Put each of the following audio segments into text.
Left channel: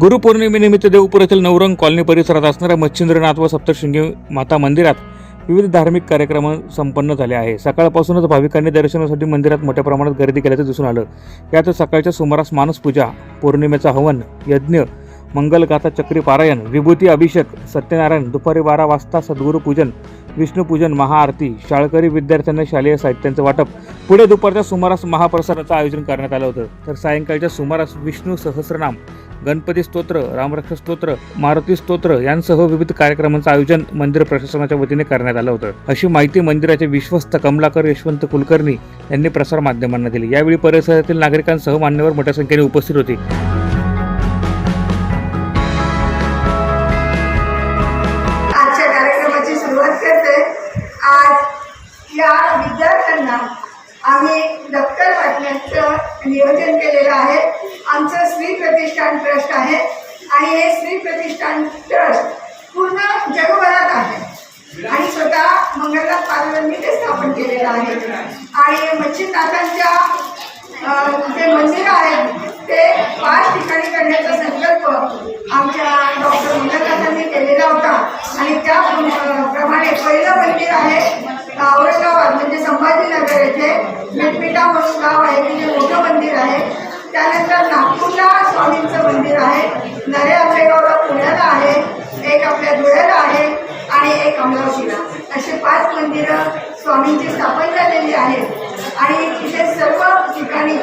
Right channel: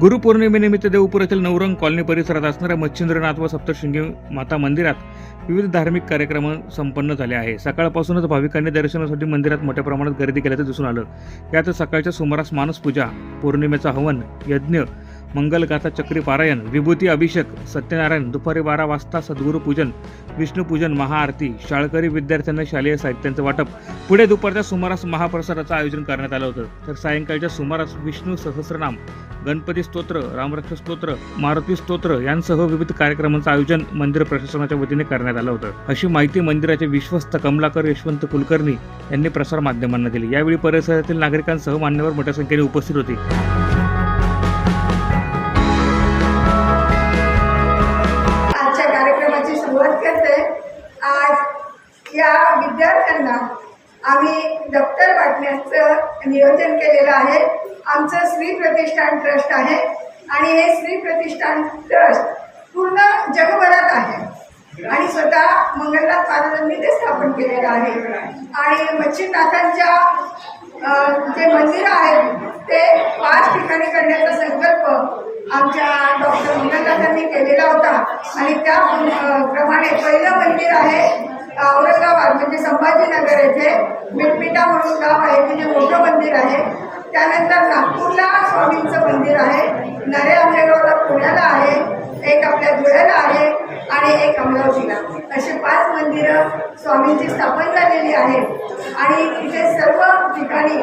गुरुपौर्णिमेनिमित्त देवपूर येथील नवरंग कॉलनी परिसरात असणाऱ्या मच्छिंद्रनाथ व सप्तशृंगी माता मंदिरात विविध धार्मिक कार्यक्रम संपन्न झाले आहे. सकाळपासूनच भाविकांनी दर्शनासाठी मंदिरात मोठ्या प्रमाणात गर्दी केल्याचं दिसून आलं. यात सकाळच्या सुमारास मानसपूजा पौर्णिमेचा हवन यज्ञ मंगलगाथा चक्रीपारायण विभूती अभिषेक सत्यनारायण दुपारी बारा वाजता सद्गुरुपूजन विष्णुपूजन महाआरती शाळकरी विद्यार्थ्यांना शालेय साहित्यांचं वाटप. पुढे दुपारच्या सुमारास महाप्रसादाचं आयोजन करण्यात आलं होतं. तर सायंकाळच्या सुमारास विष्णू सहस्रनाम गणपती स्तोत्र रामरक्ष स्तोत्र मारुती स्तोत्र यांसह विविध कार्यक्रमांचं आयोजन मंदिर प्रशासनाच्या वतीने करण्यात आलं होतं. अशी माहिती मंदिराचे विश्वस्त कमलाकर यशवंत कुलकर्णी यांनी प्रसार माध्यमांना दिली. यावेळी परिसरातील नागरिकांसह मान्यवर मोठ्या संख्येने उपस्थित होती. आम्ही दप्तर वाटण्याचं नियोजन केलेलं आहे. आमचं श्री प्रतिष्ठान ट्रस्ट आहे आणि हे श्री प्रतिष्ठान ट्रस्ट पूर्ण जगभरात आहे. आणि स्वतः मंगलनाथ पार्वतींनी ते स्थापन केलेलं आहे. आणि मच्छीनाथांच्या जे मंदिरं आहेत ते पाच ठिकाणी करण्याचा संकल्प आमच्या डॉक्टर मंगलनाथांनी केलेला होता. आणि त्या प्रमाणे पहिलं मंदिर आहे औरंगाबाद म्हणजे संभाजीनगर येथे. मिटमिटा म्हणून गाव आहे तिथे मोठं मंदिर आहे. त्यानंतर नागपूरला स्वामींचं मंदिर आहे. नरे आंबेगावला पुण्याला आहे. एक आपल्या धुळ्याला आहे आणि एक अमरावतीला. असे पाच मंदिरं स्वामींची स्थापन झालेली आहेत. आणि तिथे सर्व ठिकाणी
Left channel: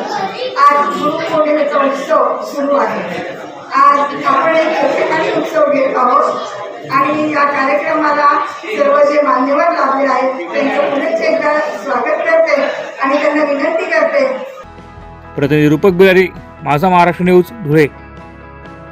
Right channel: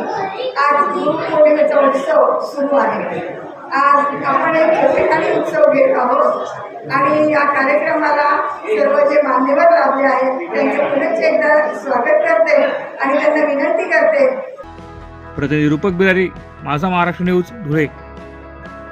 आज गुरुपौर्णिमेचा उत्सव सुरू आहे. आज आपण एक ठिकाणी उत्सव घेत आहोत. आणि या कार्यक्रमाला सर्व जे मान्यवर लाभले आहेत त्यांचं पुन्हा एकदा स्वागत प्रतिनिधी रूपक बिहारी माझा महाराष्ट्र न्यूज धुळे.